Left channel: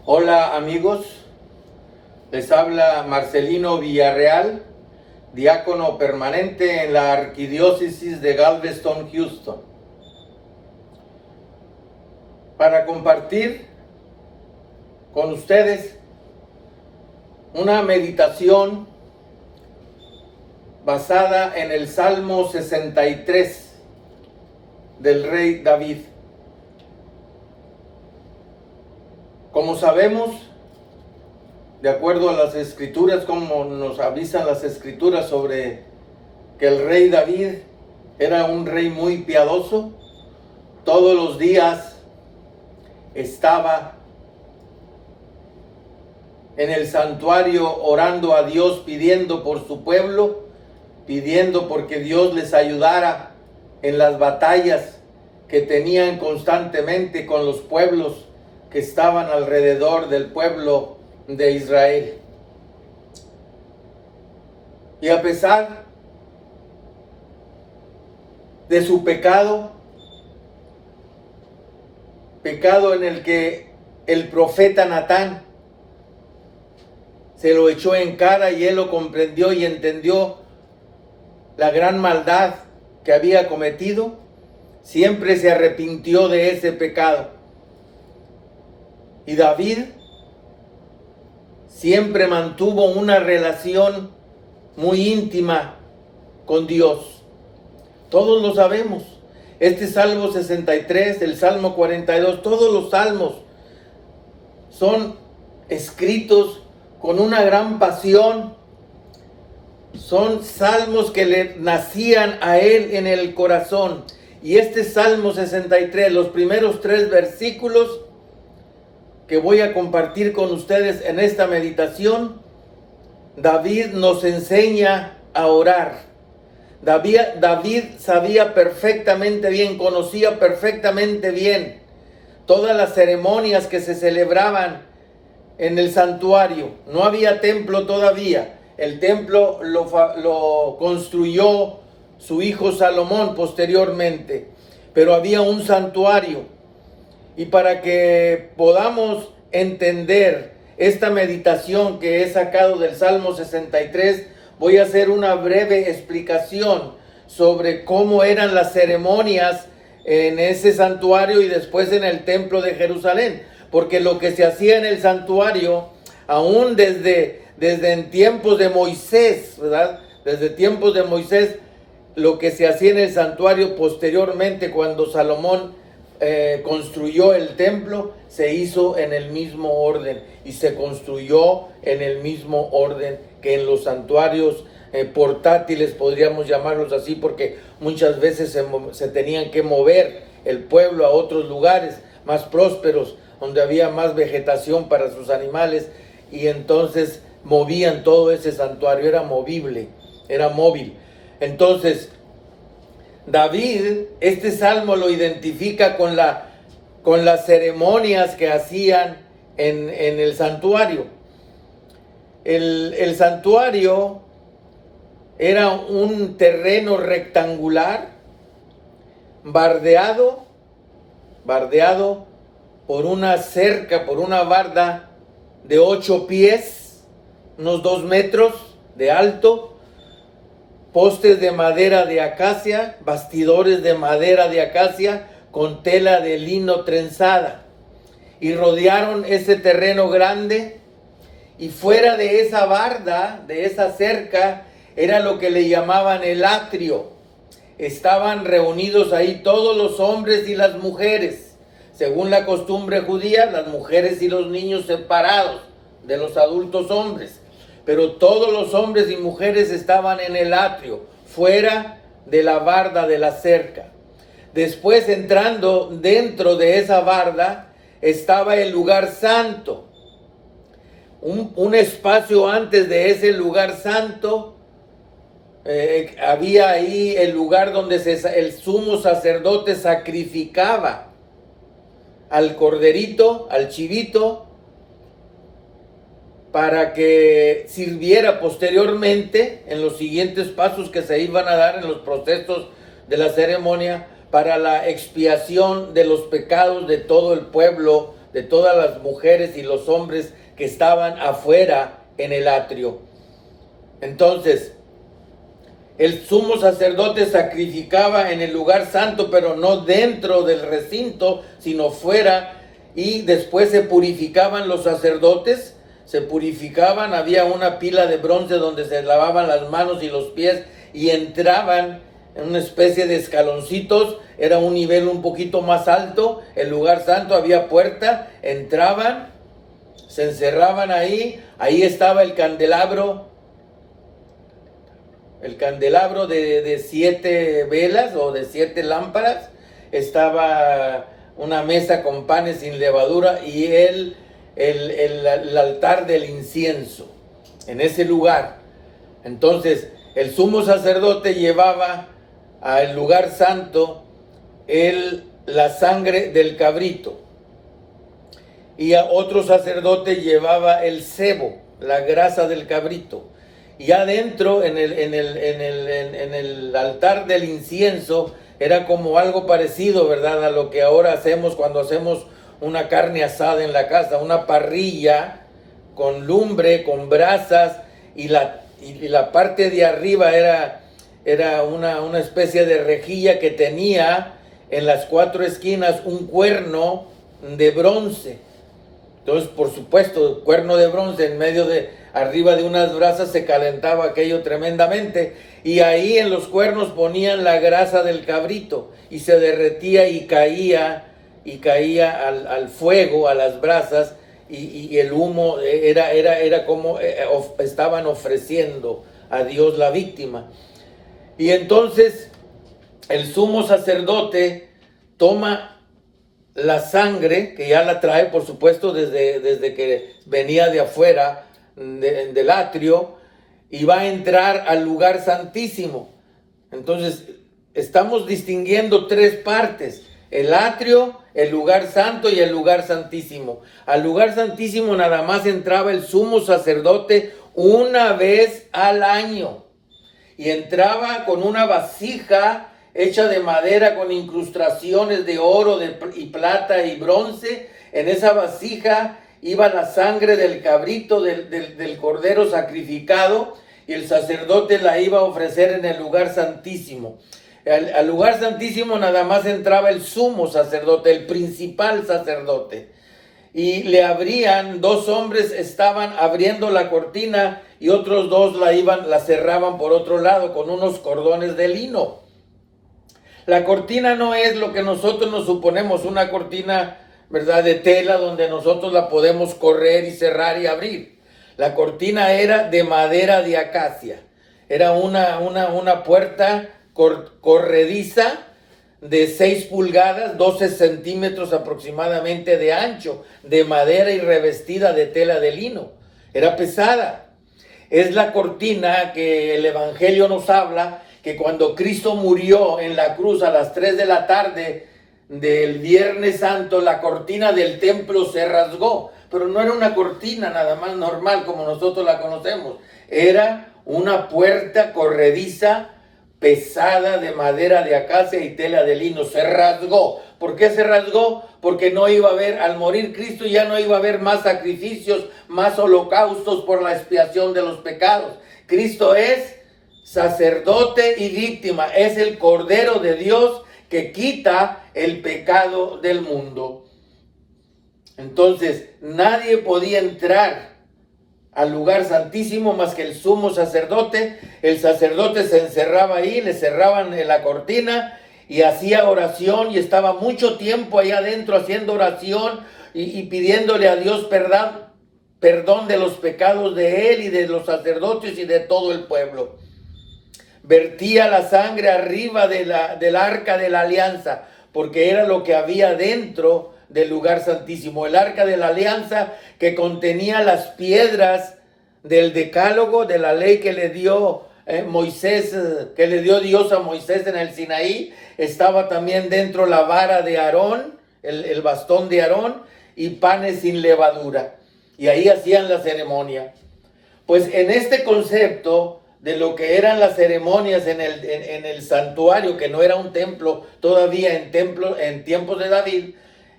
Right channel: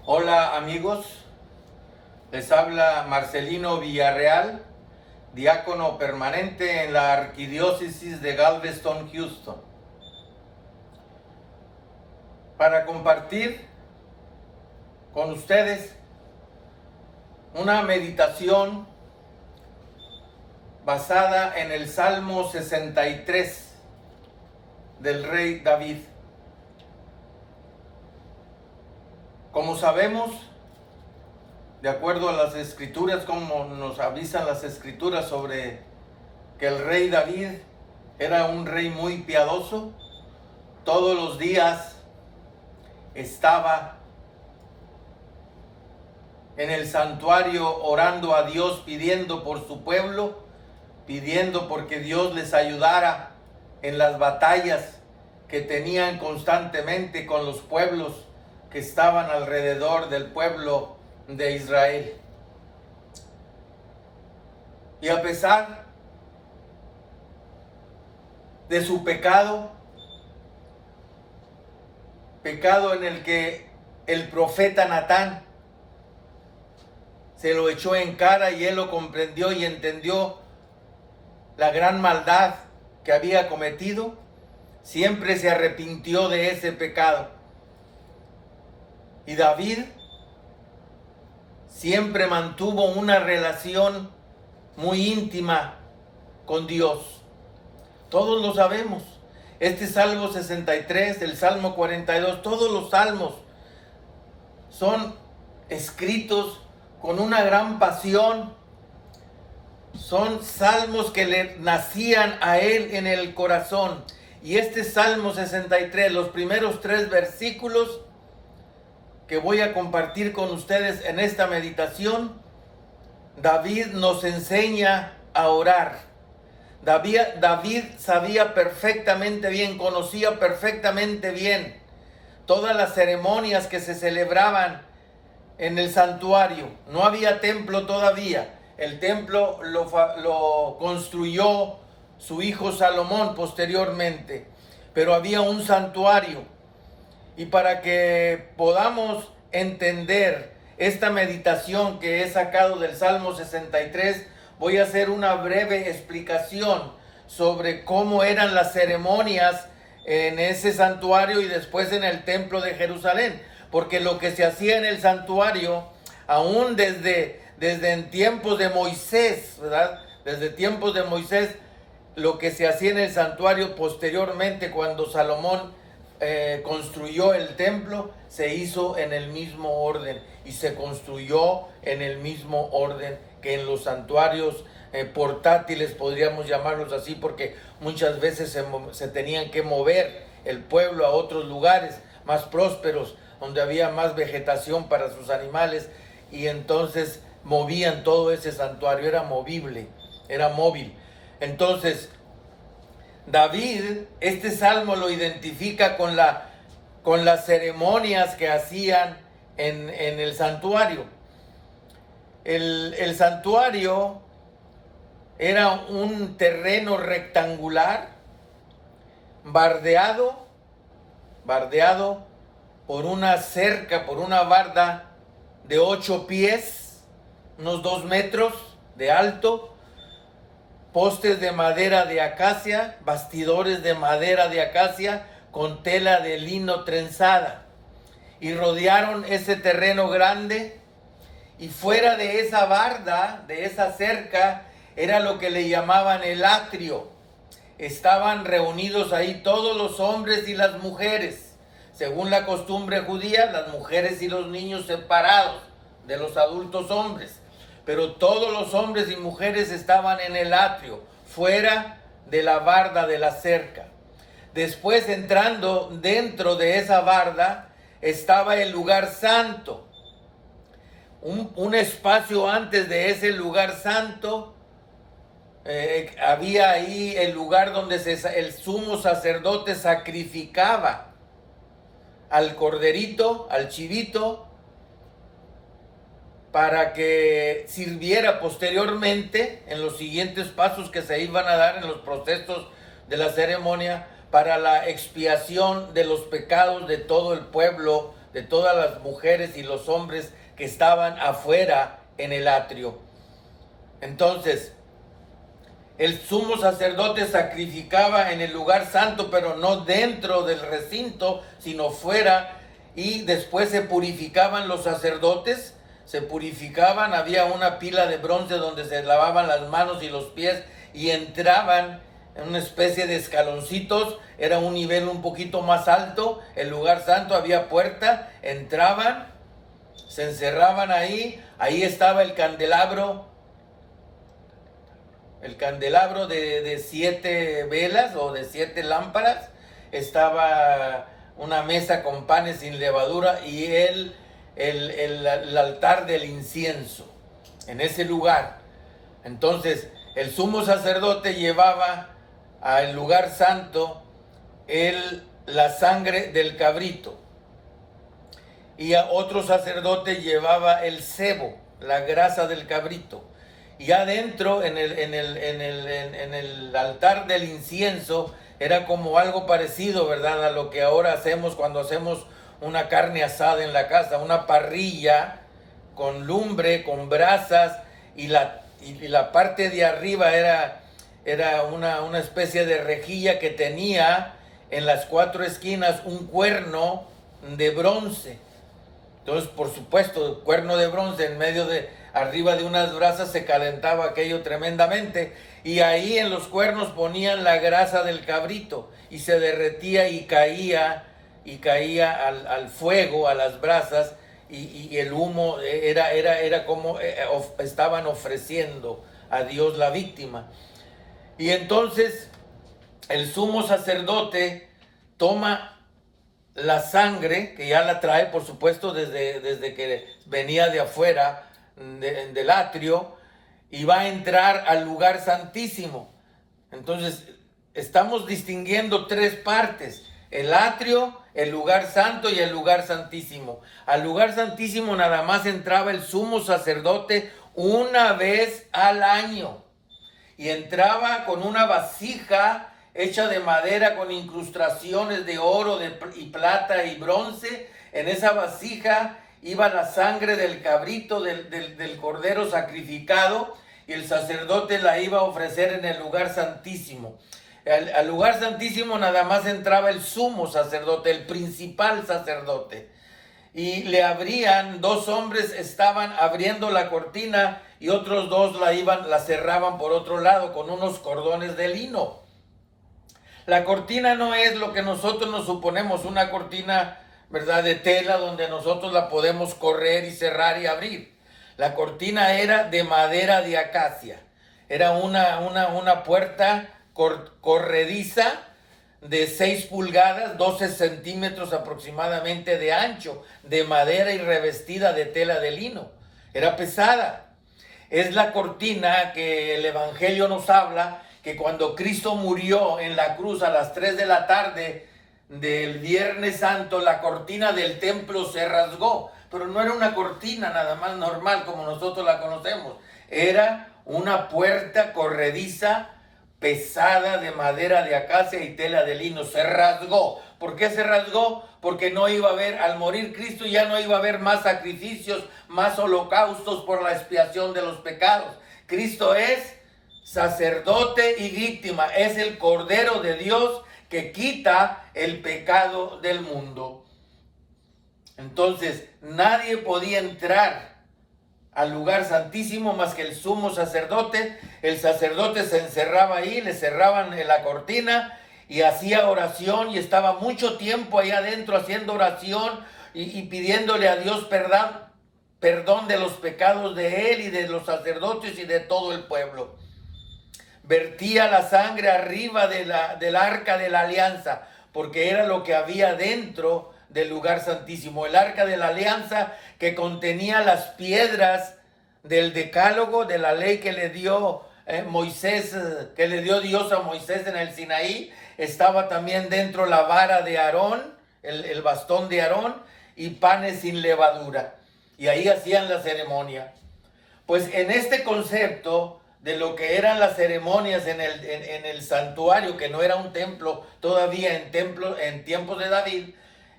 Hola amigos, les habla Marcelino Villarreal, diácono permanente en la Arquidiócesis de Galveston, Houston, para compartir con ustedes una meditación basada en el Salmo 63 del rey David. Como sabemos, de acuerdo a las escrituras, como nos avisan las escrituras sobre que el rey David era un rey muy piadoso, todos los días estaba en el santuario orando a Dios, pidiendo por su pueblo, pidiendo porque Dios les ayudara en las batallas que tenían constantemente con los pueblos que estaban alrededor del pueblo de Israel. Y a pesar de su pecado en el que el profeta Natán se lo echó en cara y él lo comprendió y entendió la gran maldad que había cometido, siempre se arrepintió de ese pecado. Y David siempre mantuvo una relación muy íntima con Dios. Todos lo sabemos. Este Salmo 63, el Salmo 42, todos los salmos son escritos con una gran pasión. Son salmos que le nacían a él en el corazón. Y este Salmo 63, los primeros 3 versículos que voy a compartir con ustedes en esta meditación, David nos enseña a orar. David sabía perfectamente bien, conocía perfectamente bien todas las ceremonias que se celebraban en el santuario. No había templo todavía. El templo lo construyó su hijo Salomón posteriormente, pero había un santuario. Y para que podamos entender esta meditación que he sacado del Salmo 63, voy a hacer una breve explicación sobre cómo eran las ceremonias en ese santuario y después en el templo de Jerusalén. Porque lo que se hacía en el santuario, aún desde en tiempos de Moisés, ¿verdad? Desde tiempos de Moisés, lo que se hacía en el santuario posteriormente cuando Salomón construyó el templo, se hizo en el mismo orden y se construyó en el mismo orden que en los santuarios portátiles, podríamos llamarlos así, porque muchas veces se tenían que mover el pueblo a otros lugares más prósperos, donde había más vegetación para sus animales, y entonces movían todo ese santuario, era movible, era móvil. Entonces David, este salmo lo identifica con las ceremonias que hacían en el santuario. El santuario era un terreno rectangular, bardeado por una cerca, por una barda de 8 pies, unos 2 metros de alto, postes de madera de acacia, bastidores de madera de acacia con tela de lino trenzada, y rodearon ese terreno grande, y fuera de esa barda, de esa cerca, era lo que le llamaban el atrio. Estaban reunidos ahí todos los hombres y las mujeres. Según la costumbre judía, las mujeres y los niños separados de los adultos hombres. Pero todos los hombres y mujeres estaban en el atrio, fuera de la barda de la cerca. Después, entrando dentro de esa barda, estaba el lugar santo. Un espacio antes de ese lugar santo, había ahí el lugar donde el sumo sacerdote sacrificaba al corderito, al chivito, para que sirviera posteriormente en los siguientes pasos que se iban a dar en los procesos de la ceremonia para la expiación de los pecados de todo el pueblo de todas las mujeres y los hombres que estaban afuera en el atrio. Entonces, el sumo sacerdote sacrificaba en el lugar santo, pero no dentro del recinto, sino fuera, y después se purificaban los sacerdotes, se purificaban, había una pila de bronce donde se lavaban las manos y los pies, y entraban en una especie de escaloncitos, era un nivel un poquito más alto, el lugar santo, había puerta, entraban, se encerraban ahí estaba el candelabro de 7 velas o de 7 lámparas, estaba una mesa con panes sin levadura y el altar del incienso en ese lugar. Entonces el sumo sacerdote llevaba al lugar santo la sangre del cabrito, y a otro sacerdote llevaba el sebo, la grasa del cabrito. Y adentro, en el altar del incienso, era como algo parecido, ¿verdad?, a lo que ahora hacemos cuando hacemos una carne asada en la casa, una parrilla con lumbre, con brasas, y la parte de arriba era una especie de rejilla que tenía en las 4 esquinas un cuerno de bronce. Entonces, por supuesto, cuerno de bronce en medio arriba de unas brasas, se calentaba aquello tremendamente, y ahí en los cuernos ponían la grasa del cabrito y se derretía y caía al fuego, a las brasas, y el humo era como estaban ofreciendo a Dios la víctima. Y entonces el sumo sacerdote toma la sangre, que ya la trae, por supuesto, desde que venía de afuera del atrio, y va a entrar al lugar santísimo. Entonces estamos distinguiendo 3 partes: el atrio, el lugar santo y el lugar santísimo. Al lugar santísimo nada más entraba el sumo sacerdote una vez al año, y entraba con una vasija hecha de madera con incrustaciones de oro y plata y bronce. En esa vasija iba la sangre del cabrito, del cordero sacrificado, y el sacerdote la iba a ofrecer en el lugar santísimo. Al lugar santísimo nada más entraba el sumo sacerdote, el principal sacerdote, y le abrían, 2 hombres estaban abriendo la cortina, y otros 2 la cerraban por otro lado con unos cordones de lino. La cortina no es lo que nosotros nos suponemos, una cortina, ¿verdad?, de tela donde nosotros la podemos correr y cerrar y abrir. La cortina era de madera de acacia. Era una puerta corrediza de 6 pulgadas, 12 centímetros aproximadamente de ancho, de madera y revestida de tela de lino. Era pesada. Es la cortina que el Evangelio nos habla, que cuando Cristo murió en la cruz a las 3 de la tarde del Viernes Santo, la cortina del templo se rasgó. Pero no era una cortina nada más normal como nosotros la conocemos. Era una puerta corrediza, pesada, de madera de acacia y tela de lino. Se rasgó. ¿Por qué se rasgó? Porque no iba a haber, al morir Cristo, ya no iba a haber más sacrificios, más holocaustos por la expiación de los pecados. Cristo es sacerdote y víctima, es el Cordero de Dios que quita el pecado del mundo. Entonces nadie podía entrar al lugar santísimo más que el sumo sacerdote. El sacerdote se encerraba ahí, le cerraban la cortina y hacía oración, y estaba mucho tiempo ahí adentro haciendo oración y pidiéndole a Dios perdón de los pecados de él y de los sacerdotes y de todo el pueblo. Vertía la sangre arriba del arca de la alianza, porque era lo que había dentro del lugar santísimo. El arca de la alianza, que contenía las piedras del decálogo, de la ley que le dio Moisés, que le dio Dios a Moisés en el Sinaí. Estaba también dentro la vara de Aarón, el bastón de Aarón, y panes sin levadura. Y ahí hacían la ceremonia. Pues en este concepto de lo que eran las ceremonias en el santuario, que no era un templo todavía en tiempos de David,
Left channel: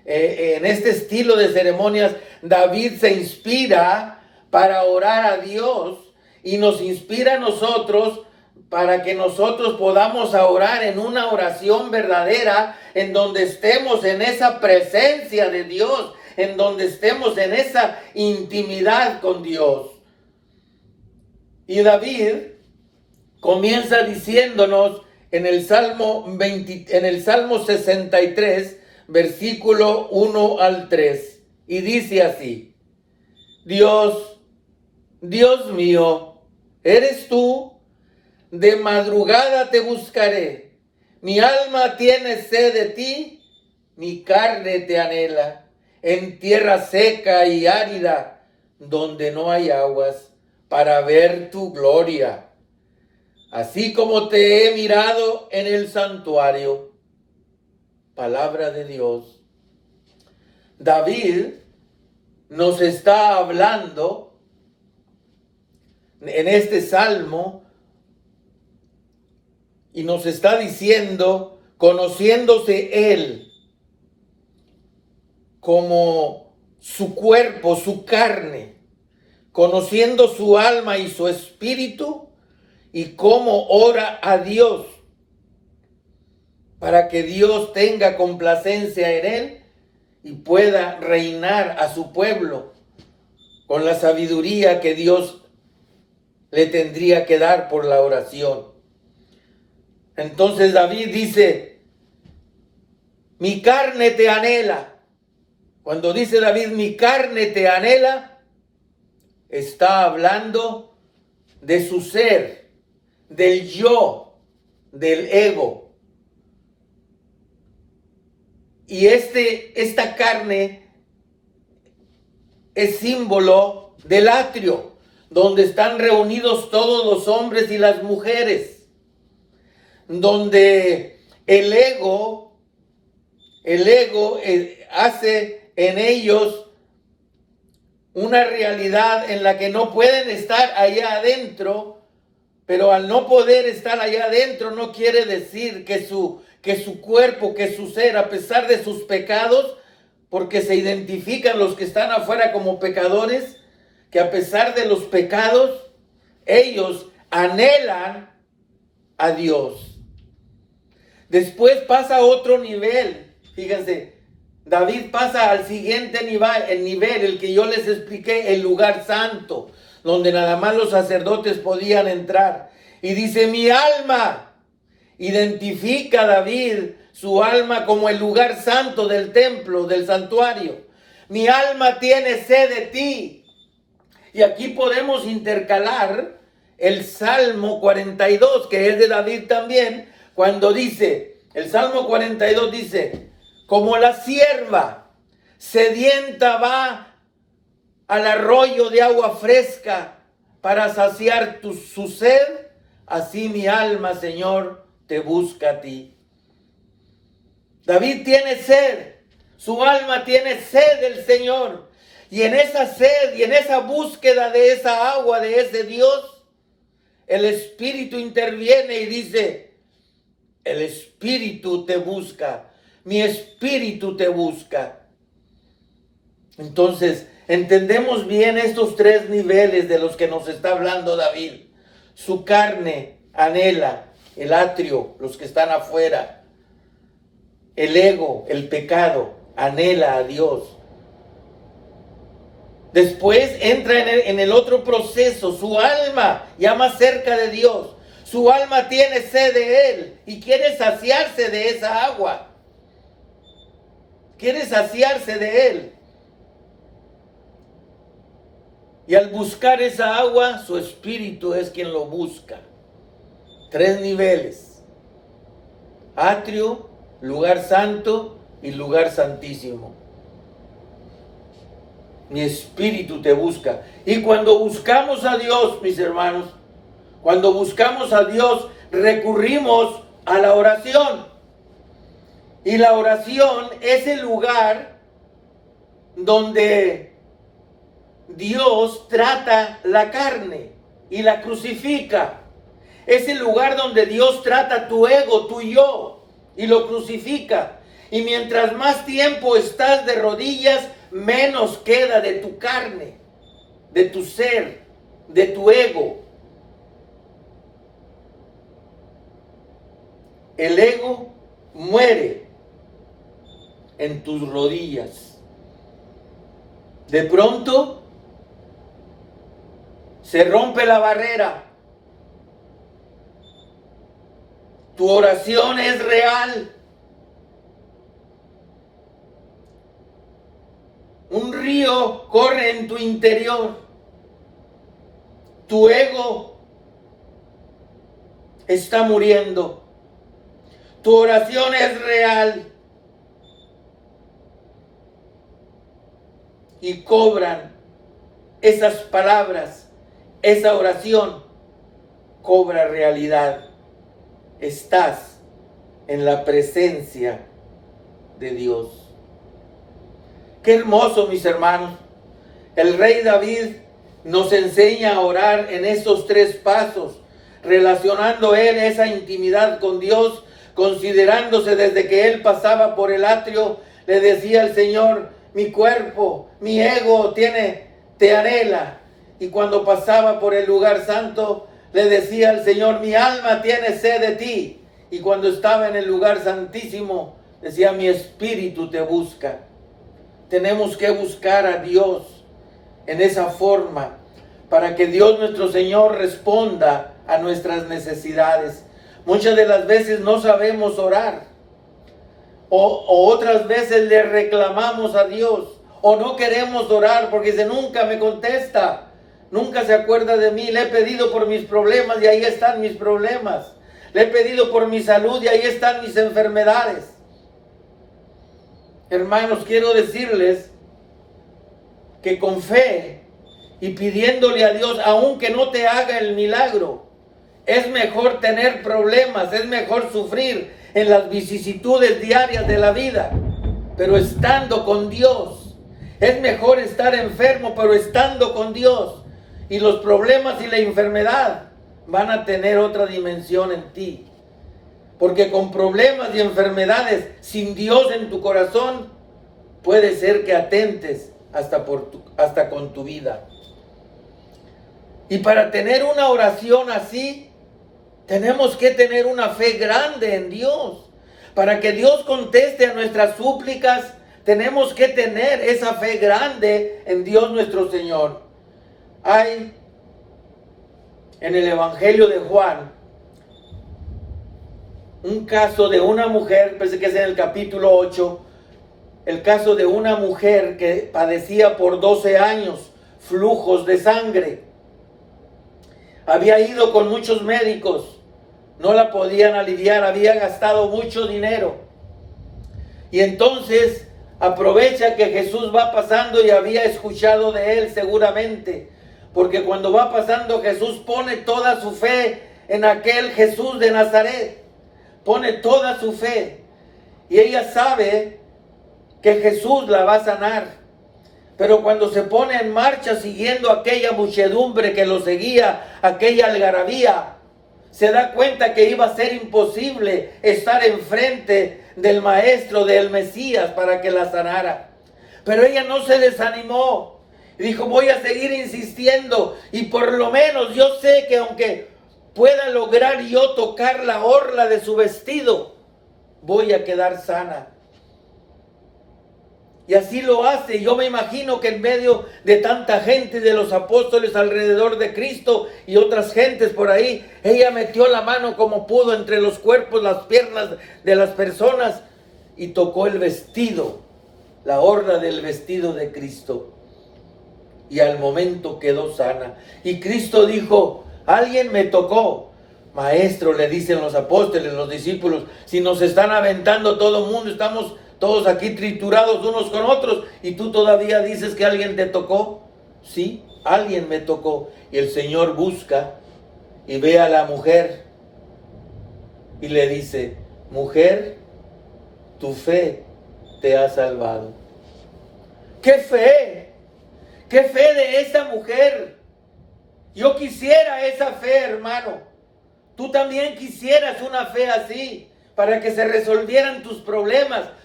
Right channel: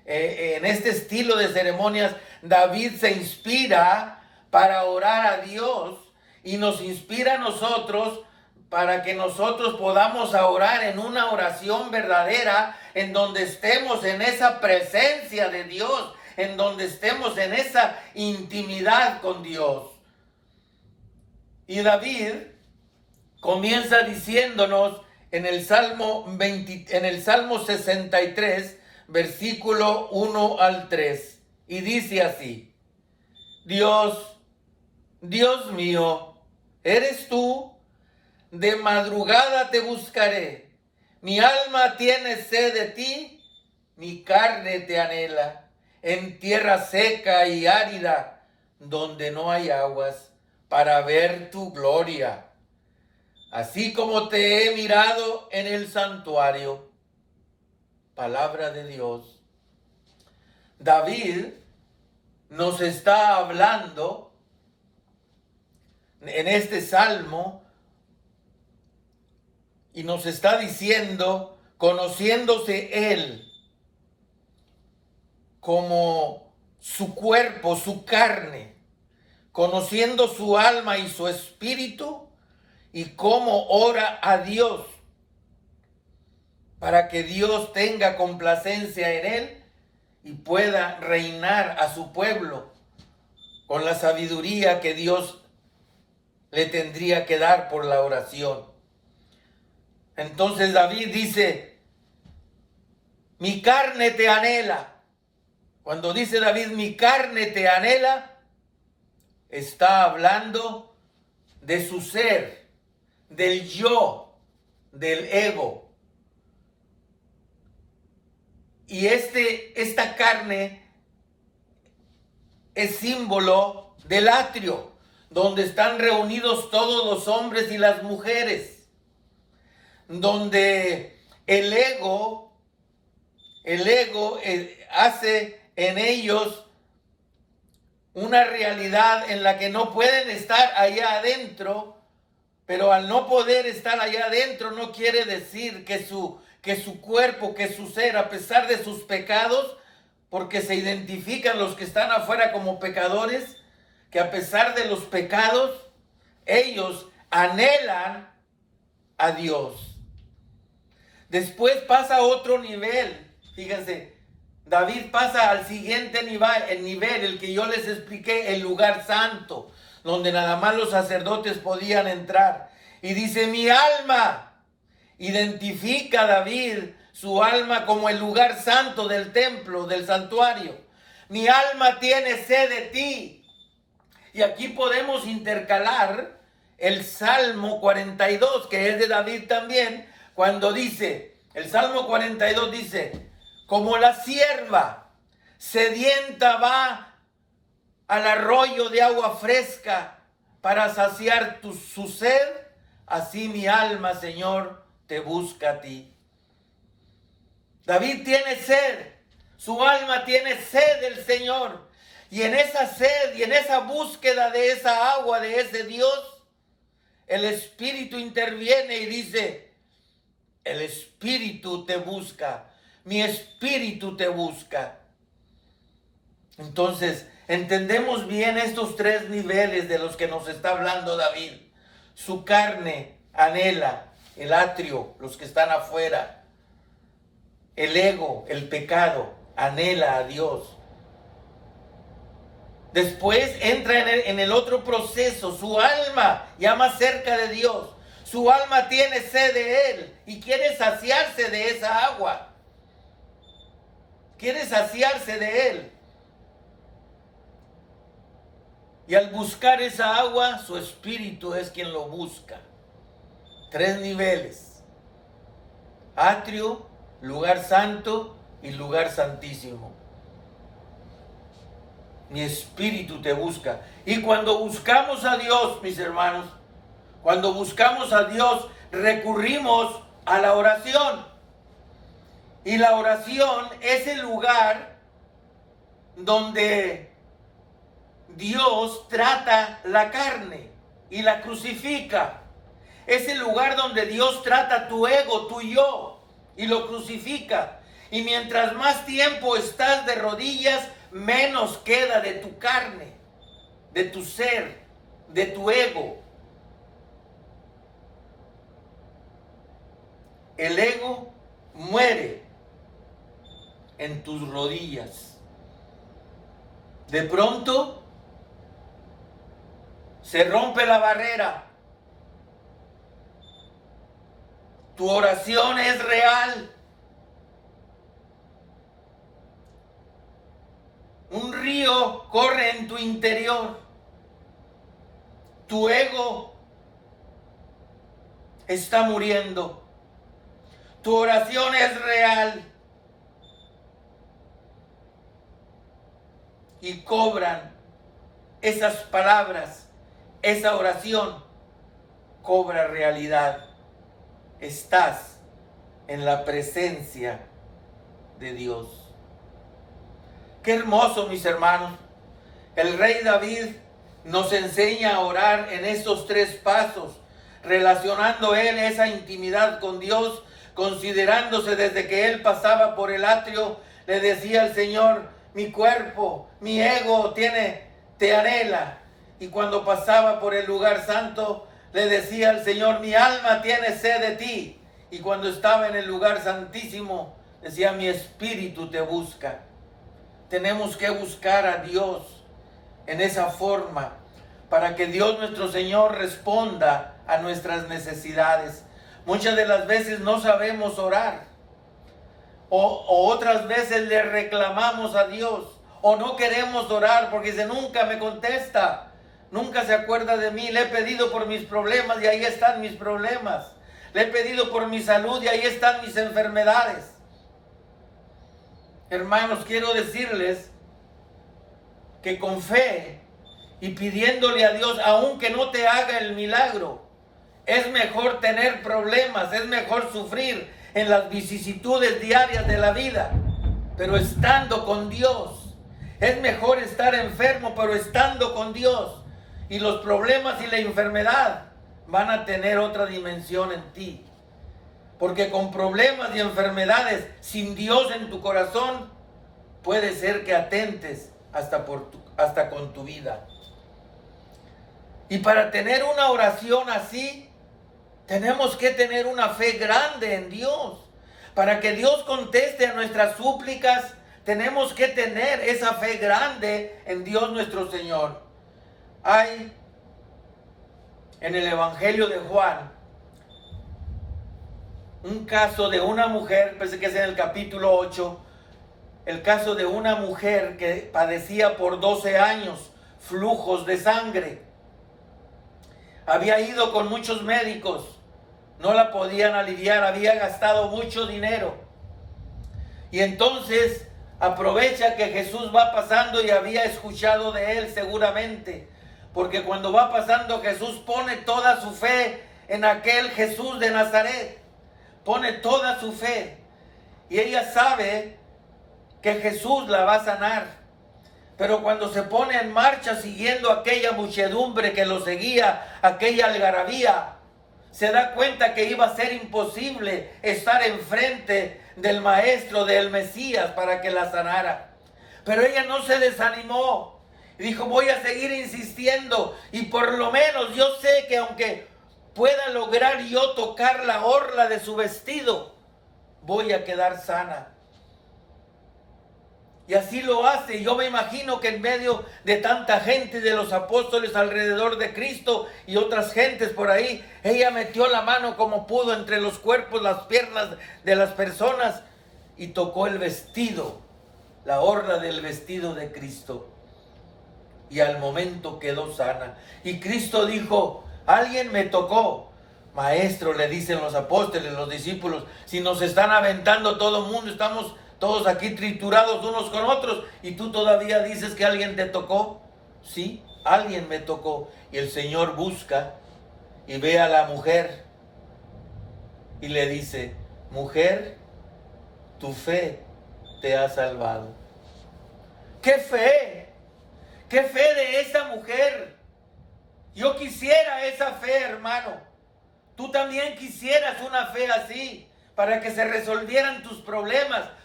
en este estilo de ceremonias, David se inspira para orar a Dios y nos inspira a nosotros para que nosotros podamos orar en una oración verdadera, en donde estemos en esa presencia de Dios, en donde estemos en esa intimidad con Dios. Y David comienza diciéndonos en el Salmo 63, versículo 1 al 3, y dice así: Dios, Dios mío, eres tú, de madrugada te buscaré. Mi alma tiene sed de ti, mi carne te anhela, en tierra seca y árida, donde no hay aguas, para ver tu gloria, así como te he mirado en el santuario. Palabra de Dios. David nos está hablando en este salmo y nos está diciendo, conociéndose él como su cuerpo, su carne, conociendo su alma y su espíritu, y cómo ora a Dios para que Dios tenga complacencia en él y pueda reinar a su pueblo con la sabiduría que Dios le tendría que dar por la oración. Entonces David dice, mi carne te anhela. Cuando dice David, mi carne te anhela, está hablando de su ser, del yo, del ego. Y esta carne es símbolo del atrio, donde están reunidos todos los hombres y las mujeres, donde el ego hace en ellos una realidad en la que no pueden estar allá adentro, pero al no poder estar allá adentro no quiere decir que su cuerpo, que su ser, a pesar de sus pecados, porque se identifican los que están afuera como pecadores, que a pesar de los pecados, ellos anhelan a Dios. Después pasa a otro nivel, fíjense, David pasa al siguiente nivel, el que yo les expliqué, el lugar santo, donde nada más los sacerdotes podían entrar. Y dice, mi alma, identifica David su alma como el lugar santo del templo, del santuario. Mi alma tiene sed de ti. Y aquí podemos intercalar el Salmo 42, que es de David también, cuando dice, el Salmo 42 dice, como la sierva sedienta va al arroyo de agua fresca para saciar su sed, así mi alma, Señor, te busca a ti. David tiene sed, su alma tiene sed del Señor. Y en esa sed y en esa búsqueda de esa agua, de ese Dios, el Espíritu interviene y dice, el Espíritu te busca, mi espíritu te busca. Entonces, entendemos bien estos tres niveles de los que nos está hablando David. Su carne anhela, el atrio, los que están afuera. El ego, el pecado, anhela a Dios. Después entra en el otro proceso, su alma, ya más cerca de Dios. Su alma tiene sed de Él y quiere saciarse de esa agua. Quiere saciarse de Él. Y al buscar esa agua, su espíritu es quien lo busca. Tres niveles. Atrio, lugar santo y lugar santísimo. Mi espíritu te busca. Y cuando buscamos a Dios, mis hermanos, cuando buscamos a Dios, recurrimos a la oración. Y la oración es el lugar donde Dios trata la carne y la crucifica. Es el lugar donde Dios trata tu ego, tu yo, y lo crucifica. Y mientras más tiempo estás de rodillas, menos queda de tu carne, de tu ser, de tu ego. El ego muere en tus rodillas. De pronto se rompe la barrera. Tu oración es real. Un río corre en tu interior. Tu ego está muriendo. Tu oración es real. Y cobran esas palabras, esa oración cobra realidad. Estás en la presencia de Dios. Qué hermoso, mis hermanos. El rey David nos enseña a orar en estos 3 pasos, relacionando él esa intimidad con Dios, considerándose desde que él pasaba por el atrio, le decía al Señor: mi cuerpo, mi ego te anhela. Y cuando pasaba por el lugar santo, le decía al Señor: mi alma tiene sed de ti. Y cuando estaba en el lugar santísimo, decía: mi espíritu te busca. Tenemos que buscar a Dios en esa forma, para que Dios nuestro Señor responda a nuestras necesidades. Muchas de las veces no sabemos orar, o otras veces le reclamamos a Dios, o no queremos orar porque dice: nunca me contesta, nunca se acuerda de mí. Le he pedido por mis problemas y ahí están mis problemas. Le he pedido por mi salud y ahí están mis enfermedades. Hermanos, quiero decirles que con fe y pidiéndole a Dios, aunque no te haga el milagro, es mejor tener problemas, es mejor sufrir en las vicisitudes diarias de la vida, pero estando con Dios. Es mejor estar enfermo, pero estando con Dios. Y los problemas y la enfermedad van a tener otra dimensión en ti. Porque con problemas y enfermedades, sin Dios en tu corazón, puede ser que atentes hasta con tu vida. Y para tener una oración así, tenemos que tener una fe grande en Dios. Para que Dios conteste a nuestras súplicas, tenemos que tener esa fe grande en Dios nuestro Señor. Hay en el Evangelio de Juan un caso de una mujer, parece que es en el capítulo 8, el caso de una mujer que padecía por 12 años flujos de sangre. Había ido con muchos médicos, no la podían aliviar, había gastado mucho dinero. Y entonces aprovecha que Jesús va pasando y había escuchado de él seguramente, porque cuando va pasando Jesús pone toda su fe en aquel Jesús de Nazaret, pone toda su fe, y ella sabe que Jesús la va a sanar. Pero cuando se pone en marcha siguiendo aquella muchedumbre que lo seguía, aquella algarabía, se da cuenta que iba a ser imposible estar enfrente del Maestro, del Mesías, para que la sanara. Pero ella no se desanimó. Dijo: voy a seguir insistiendo, y por lo menos yo sé que aunque pueda lograr yo tocar la orla de su vestido, voy a quedar sana. Y así lo hace. Yo me imagino que en medio de tanta gente, de los apóstoles alrededor de Cristo y otras gentes por ahí, ella metió la mano como pudo entre los cuerpos, las piernas de las personas, y tocó el vestido, la orla del vestido de Cristo. Y al momento quedó sana. Y Cristo dijo: alguien me tocó. Maestro, le dicen los apóstoles, los discípulos, si nos están aventando todo el mundo, estamos todos aquí triturados unos con otros, y tú todavía dices que alguien te tocó. Sí, alguien me tocó. Y el Señor busca y ve a la mujer y le dice: mujer, tu fe te ha salvado. ¡Qué fe! ¡Qué fe de esa mujer! Yo quisiera esa fe, hermano. Tú también quisieras una fe así, para que se resolvieran tus problemas,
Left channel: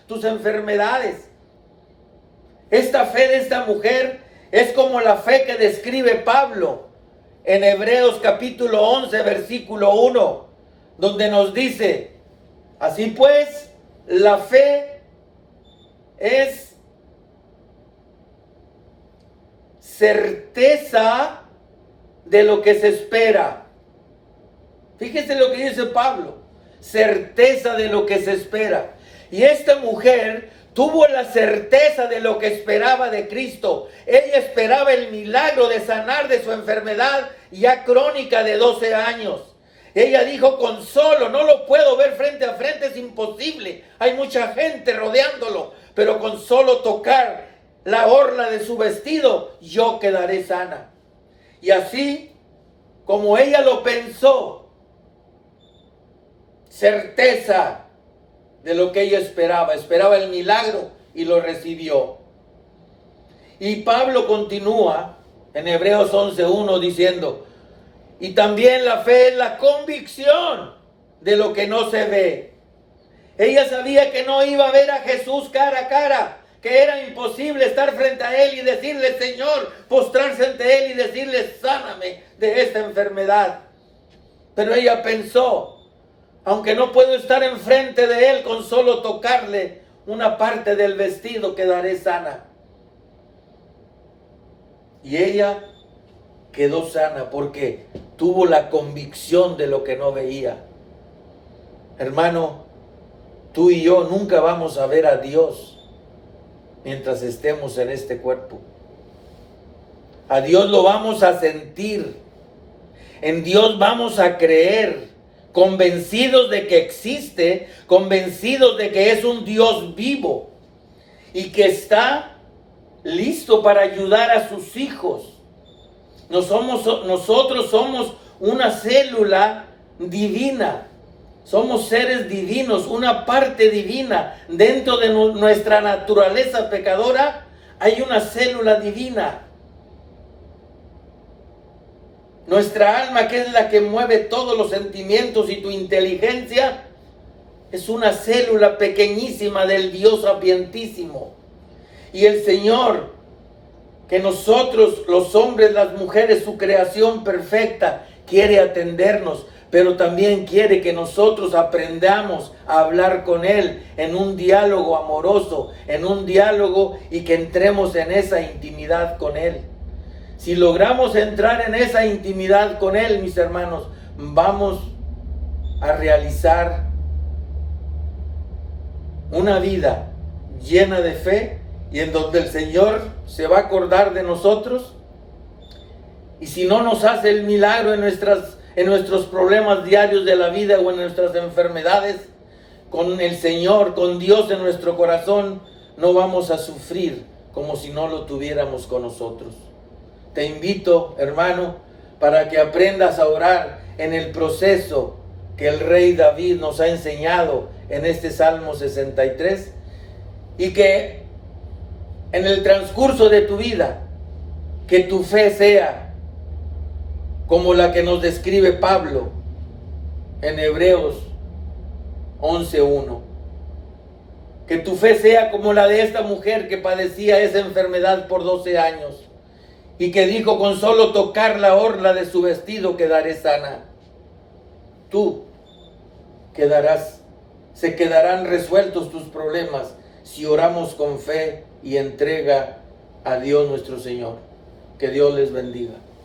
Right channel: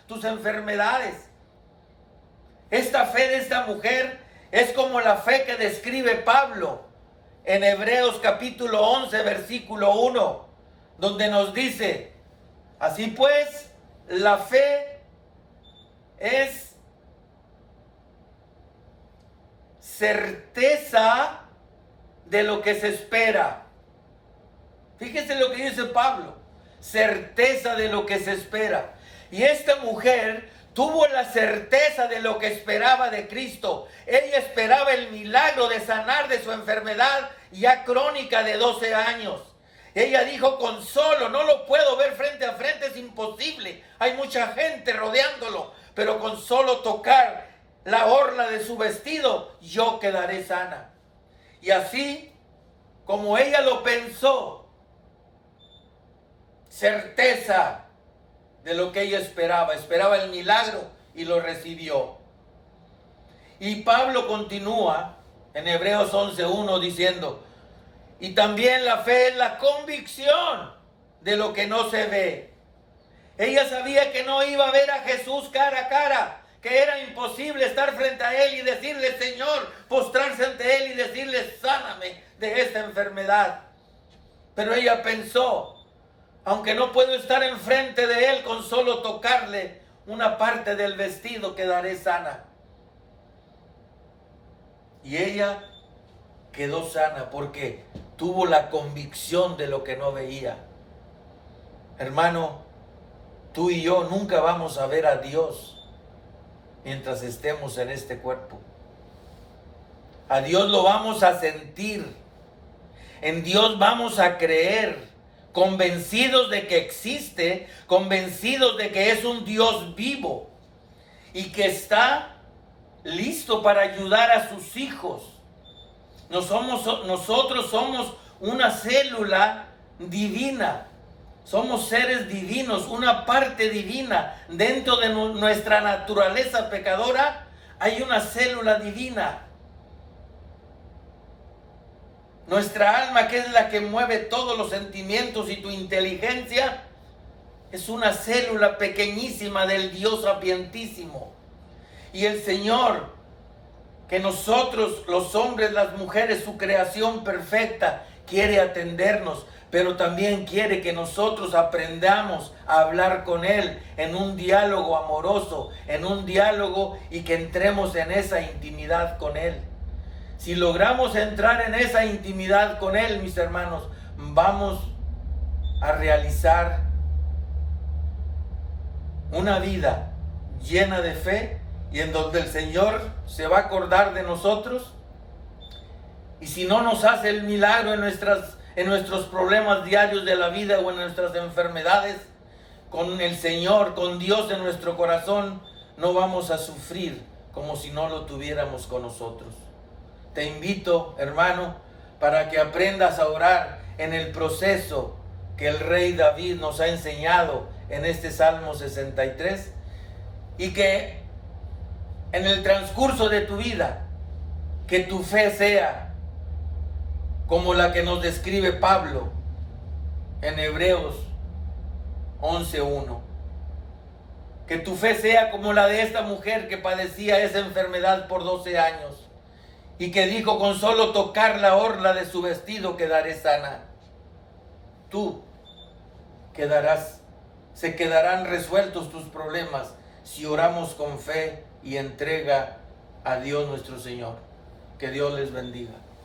tus enfermedades. Esta fe de esta mujer es como la fe que describe Pablo en Hebreos capítulo 11, versículo 1, donde nos dice: así pues, la fe es certeza de lo que se espera. Fíjese lo que dice Pablo: certeza de lo que se espera. Y esta mujer tuvo la certeza de lo que esperaba de Cristo. Ella esperaba el milagro de sanar de su enfermedad ya crónica de 12 años. Ella dijo: con solo, no lo puedo ver frente a frente, es imposible. Hay mucha gente rodeándolo, pero con solo tocar la orla de su vestido, yo quedaré sana. Y así como ella lo pensó, certeza de lo que ella esperaba el milagro y lo recibió. Y Pablo continúa en Hebreos 11:1 diciendo: y también la fe es la convicción de lo que no se ve. Ella sabía que no iba a ver a Jesús cara a cara, que era imposible estar frente a Él y decirle: Señor, postrarse ante Él y decirle: sáname de esta enfermedad. Pero ella pensó: aunque no puedo estar enfrente de Él, con solo tocarle una parte del vestido quedaré sana. Y ella quedó sana porque tuvo la convicción de lo que no veía. Hermano, tú y yo nunca vamos a ver a Dios mientras estemos en este cuerpo. A Dios lo vamos a sentir. En Dios vamos a creer, convencidos de que existe, convencidos de que es un Dios vivo y que está listo para ayudar a sus hijos. Nosotros somos una célula divina. Somos seres divinos, una parte divina. Dentro de nuestra naturaleza pecadora hay una célula divina. Nuestra alma, que es la que mueve todos los sentimientos y tu inteligencia, es una célula pequeñísima del Dios sapientísimo. Y el Señor, que nosotros, los hombres, las mujeres, su creación perfecta, quiere atendernos, pero también quiere que nosotros aprendamos a hablar con Él en un diálogo amoroso, en un diálogo, y que entremos en esa intimidad con Él. Si logramos entrar en esa intimidad con Él, mis hermanos, vamos a realizar una vida llena de fe y en donde el Señor se va a acordar de nosotros. Y si no nos hace el milagro en nuestros problemas diarios de la vida o en nuestras enfermedades, con el Señor, con Dios en nuestro corazón, no vamos a sufrir como si no lo tuviéramos con nosotros. Te invito, hermano, para que aprendas a orar en el proceso que el rey David nos ha enseñado en este Salmo 63, y que en el transcurso de tu vida, que tu fe sea como la que nos describe Pablo en Hebreos 11:1. Que tu fe sea como la de esta mujer que padecía esa enfermedad por 12 años y que dijo: con solo tocar la orla de su vestido quedaré sana. Tú se quedarán resueltos tus problemas si oramos con fe y entrega a Dios nuestro Señor. Que Dios les bendiga.